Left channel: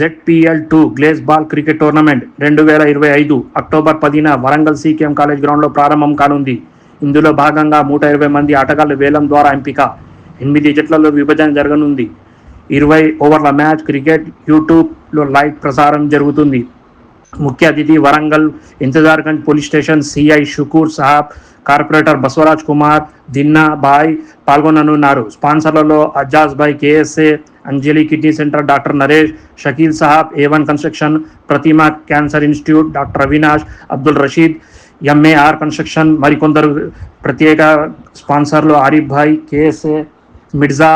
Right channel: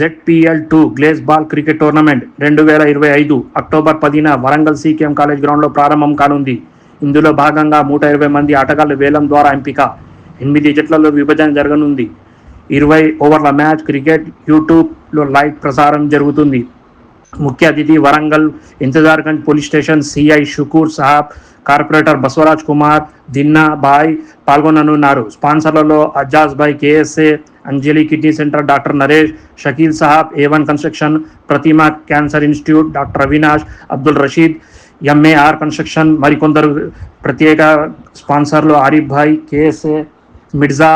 ZPL2 గ్లేస్ ball cricket tournament 2025 October 10న Warangal CKM college గ్రౌండ్లో ప్రారంభం కానుంది. ఇందులో భాగంగా 120 మంది ఆటగాళ్ల వేలం ద్వారా ఎంపిక. 8 జట్లలో విభజన జరగనుంది. 20 ఓవర్ల మ్యాచ్ క్రికెట్ యూట్యూబ్లో లైవ్ ప్రసారం జరుగుతుంది. ముఖ్య అతిథి Warangal Intezargunj police station CI Shukur సాహబ్, కార్పొరేటర్ బసవరాజ్ కుమార్, దిన్నా బాయ్ పాల్గొననున్నారు. స్పాన్సర్లలో అజాజ్ భాయ్, KSA, Anjali kidney centre, doctor Naresh, Shakeel సాహబ్, A1 construction, Pratima cancer institute, doctor Avinash, Abdul Rashid, MAR construction, మరికొందరు ప్రత్యేక స్పాన్సర్లు ఆరిఫ్ భాయ్, KSA, మిర్జా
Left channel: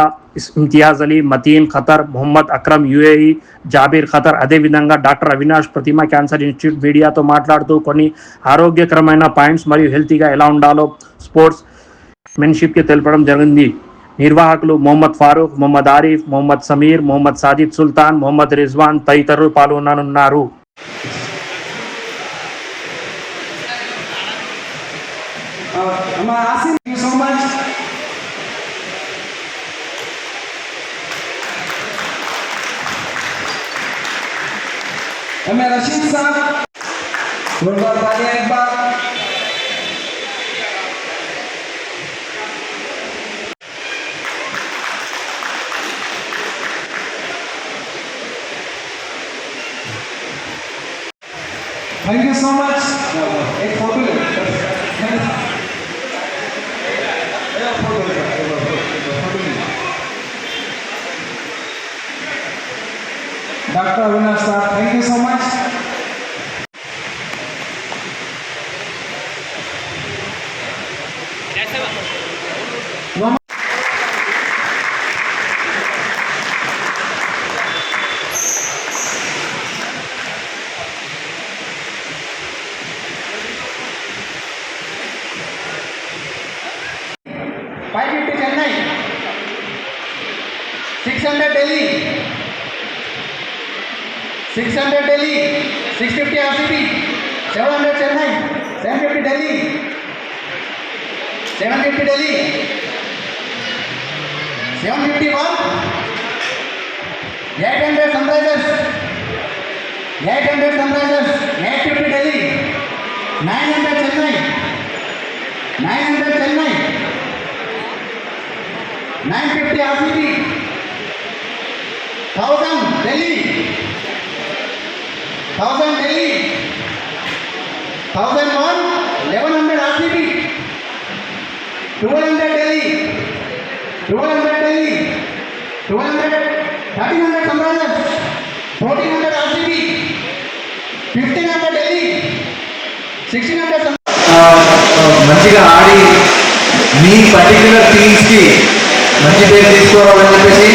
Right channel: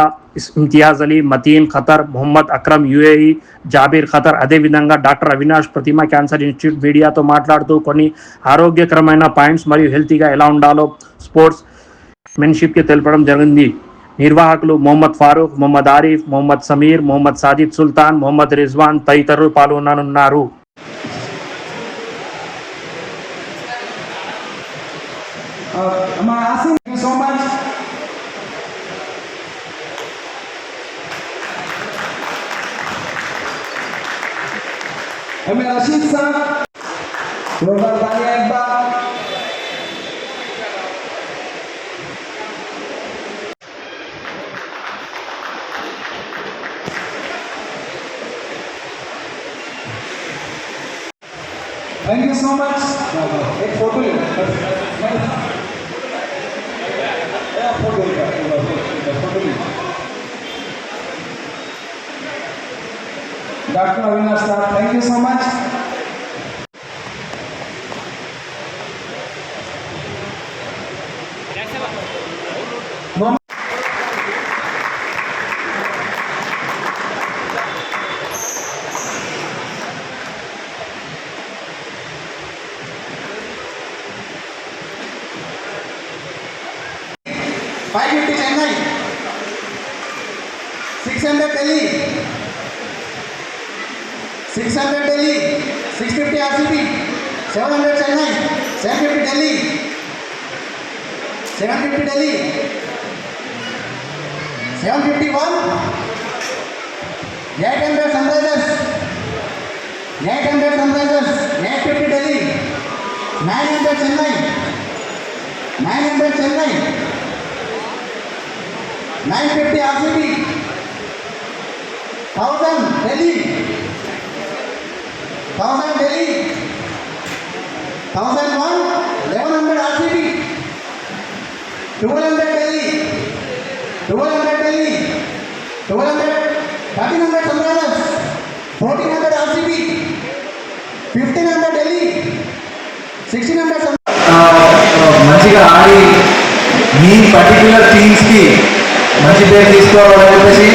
ఇమ్తియాజ్ అలీ, మతీన్ ఖతర్, మొహమ్మద్ అక్రమ్ UAE, జాబీర్ ఖతర్. అదేవిధంగా డాక్టర్ అవినాష్ ప్రతిమా క్యాన్సర్ ఇన్స్టిట్యూట్ మీడియాతో మాట్లాడుతూ కొన్ని ఆరోగ్యకరమైన పాయింట్స్ మరియు హెల్తీగా ఎలా ఉండాలో స్పోర్ట్స్ మెన్షిప్కి తెలపడం జరిగింది. నిర్వాహకులు మొహమ్మద్ ఫారూక్, మొహమ్మద్ ఆరిఫ్, మొహమ్మద్ సమీర్, మొహమ్మద్ సాజిద్ సుల్తాన్, మొహమ్మద్ రిజ్వాన్ తదితరులు పాల్గొననున్నారు. रशीद साहब थैंक यू सो मच. एक photo doctor Avinash sir, thank you so much. Chennai 600 Delhi 600 Delhi 650 RCB 700 Chennai 750 Delhi 750 Delhi 751 800 Sunrisers 800 Sunrisers 850 Delhi 900 Chennai 900 Chennai 950 RCB 1000 Delhi 1000 Delhi 1001 1100 RCB 1200 Delhi 1200 Delhi 1200 1300 Sunrisers 1400 RCB 1500 Delhi 1600 మంచిగా ఆడి మీ పర్టిక్యులర్ టీమ్స్కి మంచి పేరు తీసుకోవాలని చెప్పేసి.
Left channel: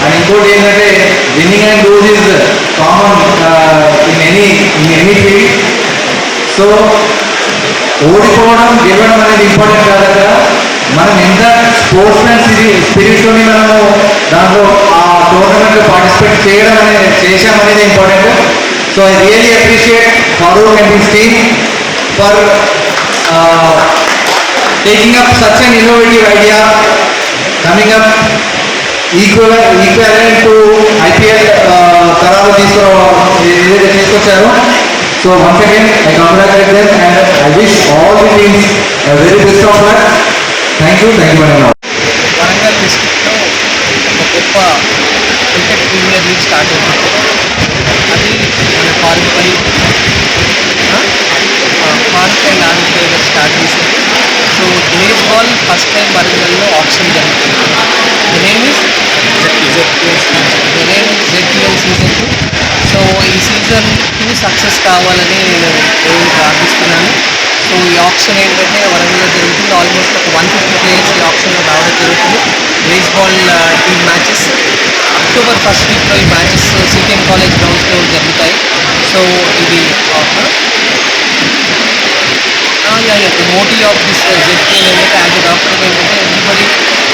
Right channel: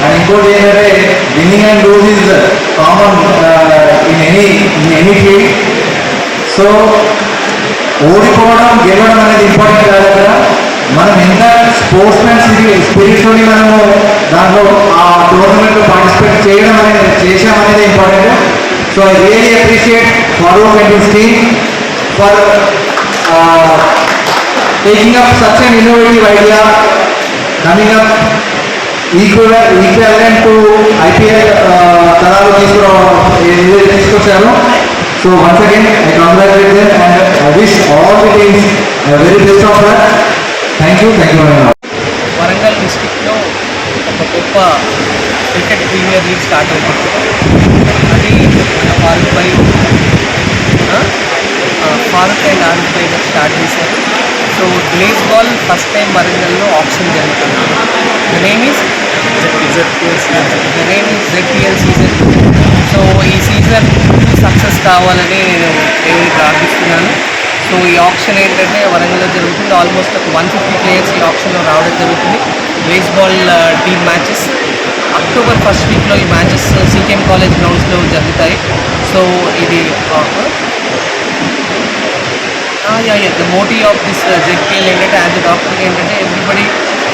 అండ్ ఇంకోటి ఏంటంటే winning and lose is common in any field. So ఓడిపోవడం గెలవడం అనేది ఇంపార్టెంట్ కాదు కదా. మనం ఎంత స్పోర్ట్స్ మ్యాన్ స్పిరిట్తోని మనము దాంట్లో ఆ టోర్నమెంట్లో పార్టిసిపేట్ చేయడం అనేది చేసామనేది important. So I really appreciate Farooq and his team for taking up such an innovative idea, coming up equivalent to IPL తరాలు తీసుకొచ్చారు. So once again I congratulate them and I wish all the teams very best of luck. Thank you very much. Warangal డిస్ట్రిక్ట్లో ఒక గొప్ప cricket premier league start అవుతుంది. అది మన Farooq and Arif భాయ్ గారు start చేశారు. సో గ్లేస్ బాల్ ఫస్ట్ టైం వరంగల్లో ఆప్షన్ జరుగుతుంది. The name is ZPL season 2. So ఈ సీజన్ 2 సక్సెస్ కావాలని నేను దేవుని ప్రార్థిస్తున్నాను. సో ఈ ఆప్షన్ ఏంటంటే వరంగల్లో జరుగుతుంది. ఆల్మోస్ట్ ఒక 150 ప్లేయర్స్ ఈ ఆప్షన్లో రావడం జరుగుతుంది. గ్లేస్ ball team matches October 1st వీక్లో ఈ మ్యాచెస్ CKM కాలేజ్ గ్రౌండ్స్లో జరుగుతాయి. సో ఇది the motive of this ZPL ఏంటంటే యాజ్ ఎ డాక్టర్గా ఏంటంటే ఎవ్రీబడి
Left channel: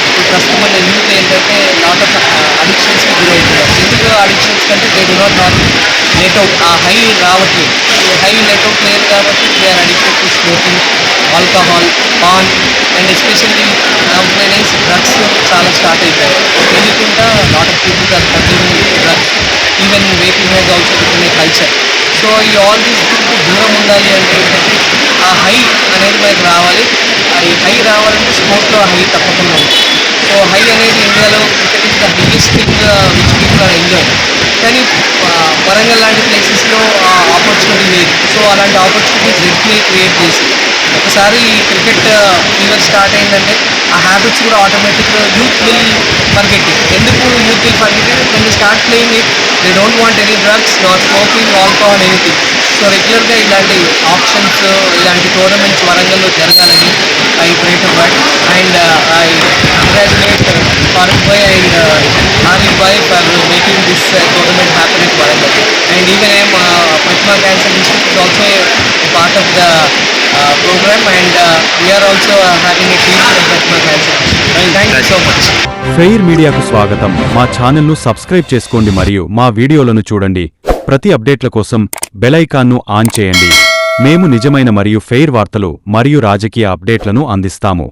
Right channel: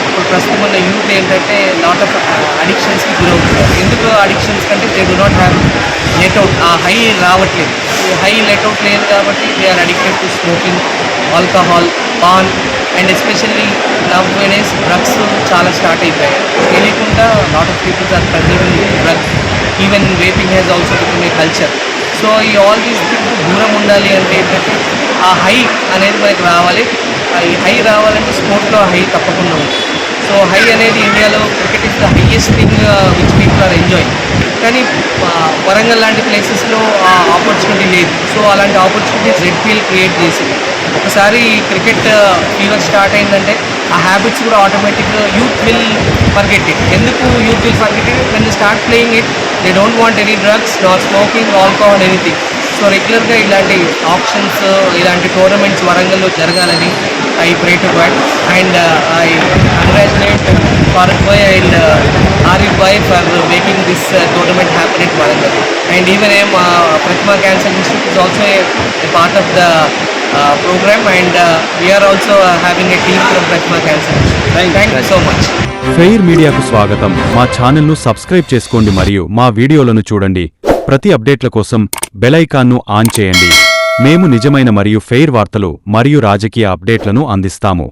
ఇప్పుడు ప్రస్తుతం మన యూత్ ఏంటంటే లాట్ ఆఫ్ అడిక్షన్స్కి గురవుతున్నారు. ఎందుకు అడిక్షన్స్ కంటే they do not have let out, ఆ హై రావట్లేదు. హై లెట్అవుట్ లేదు కాబట్టి they are addicted to smoking, alcohol, paan and especially nowadays drugs చాలా స్టార్ట్ అయిపోయాయి. తెలియకుండా lot of peoples are consuming drugs. Even vaping has also become a culture. So ఈ all these దూరం ఉండాలి అంటే ఏంటంటే ఆ హై అనేది మనకు రావాలి. ఈ హై రావాలంటే స్పోర్ట్స్లో హై తప్పకుండా ఉంది. సో హై అనేది ఇండియాలో cricket is the highest thing which people are enjoy. కానీ వరంగల్ లాంటి ప్లేసెస్లో ఆ ఆపర్చునిటీ లేదు. సో అలాంటి ఆపర్చునిటీ జెడ్పీఎల్ క్రియేట్ చేసింది. ఒకసారి క్రికెట్ ఫీవర్ స్టార్ట్ అయిందంటే ఆ హ్యాబిట్స్ కూడా ఆటోమేటిక్గా యూత్ విల్ ఫర్గెట్ ఇట్. ఎందుకు youth will forget it? When they start playing it they don't want any drugs, not smoking, alcohol, anything. So రెగ్యులర్గా ఇలాంటి ఆప్షన్స్, ఇలాంటి టోర్నమెంట్స్ వరంగల్లో జరగాలని I pray to God. And I congratulate Farooq Bhai and Arif Bhai for making this tournament happen in Warangal. And even Pratima cancer institute is also a part of the program, and we are also having a team from Pratima Cancer Institute. Thank you so much. Fair మీడియాకు స్వాగతం. మా ఛానల్ను subscribe చేసుకోండి మరియు మా వీడియోలను చూడండి. ప్రతి అప్డేట్ల కోసం బెల్ ఐకాన్ను ఆన్ చేయండి. మేము నిజమైన మరియు ఫెయిర్ వార్తలు మరియు రాజకీయ అప్డేట్లను అందిస్తాము.